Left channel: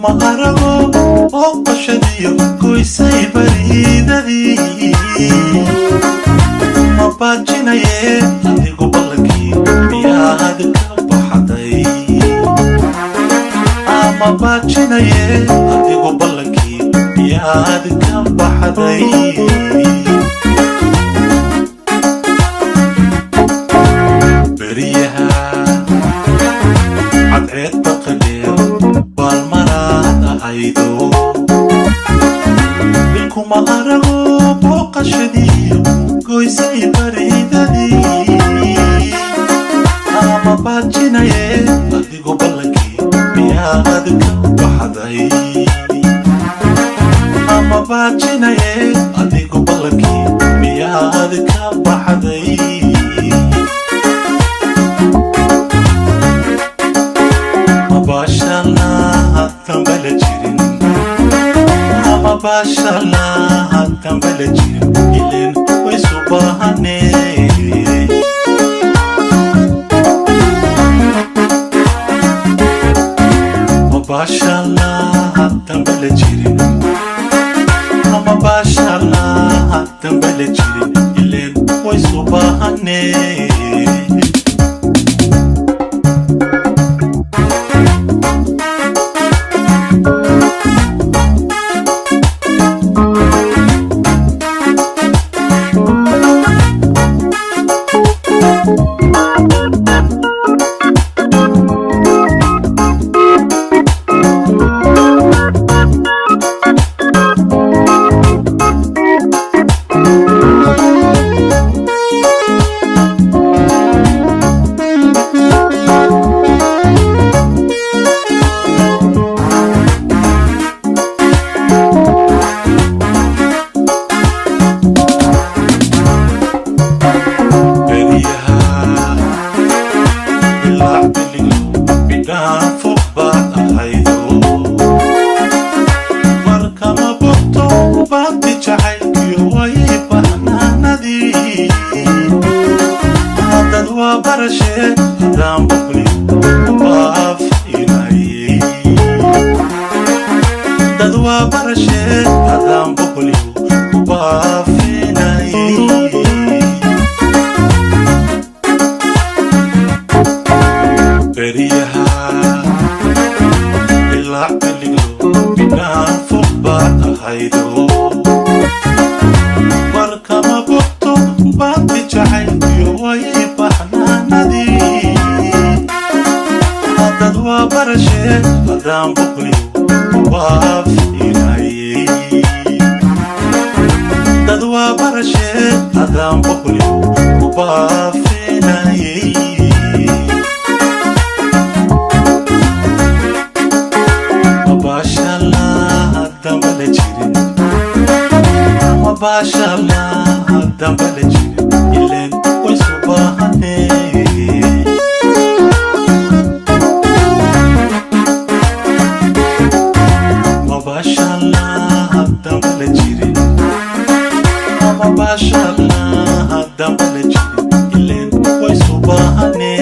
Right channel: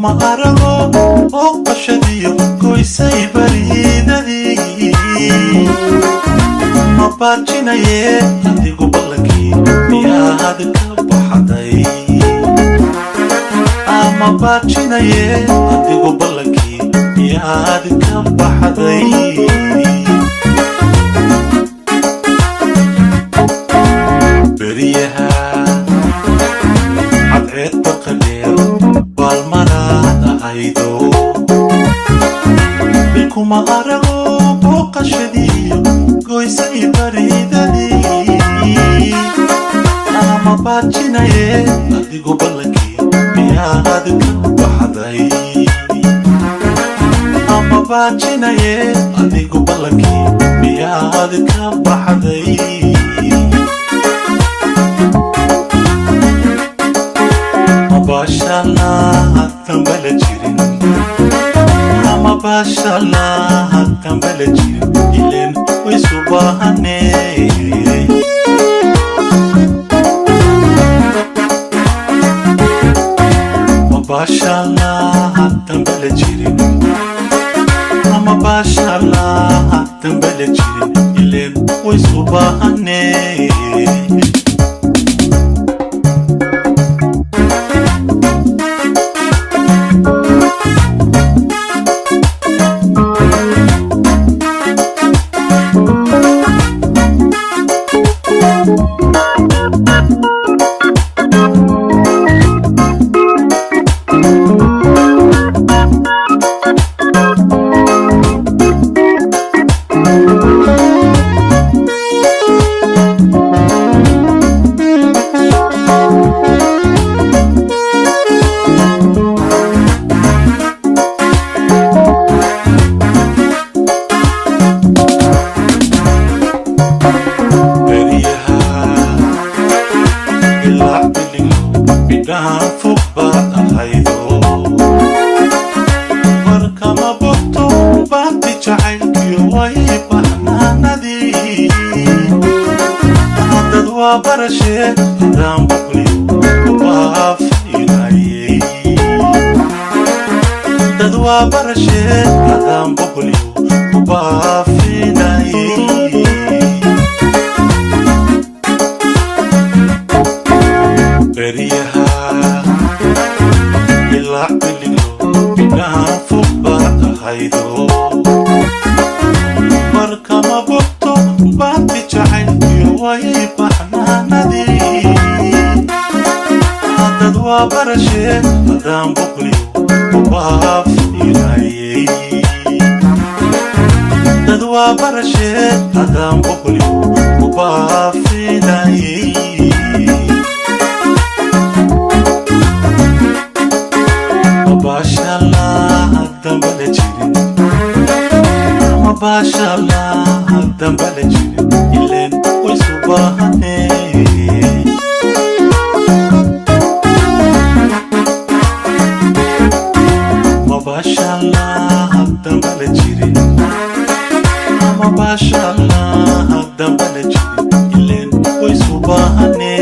bilkuma arago oo qashadiyo goysay baridadii ma baajinaye adigu ballankii miyaad ka baxday ama baajinaye adigu ballankii miyaad ka baxday beriyaha cadceed baqadeer baalmaraad ahaydo bilkuma arago booqashadiyo goysay baridadii ama baajinaye adigu ballankii miyaad ka baxday ama baajinaye adigu ballankii miyaad ka baxday mabashalna tambala jirin mabashalna tambala jirin ilen way subahane mabashalna tambala jirin mabashalna tambala jirin ilen way subahane فوقبات أحيدو مركما بوقتو بابتي جعيلك يوي بحناندي هادد وبرشي هدام بقليو وبافيناي هادد وبرشي هدام بقليو وبافيناي beriyaha ilaa biliglo bidhaan fog baad ahaydo markama bogto baabti jacaylkiyo wayay baxnaanadii haddad waa barashee haddaan boqliyo ubaafinayey dad waa barashee haddaan boqliyo ubaafinayey mabashallah dambala jirin mabashallah dambala jirin ilen way subahane mabashallah dambala jirin mabashallah dambala jirin ilen way subahane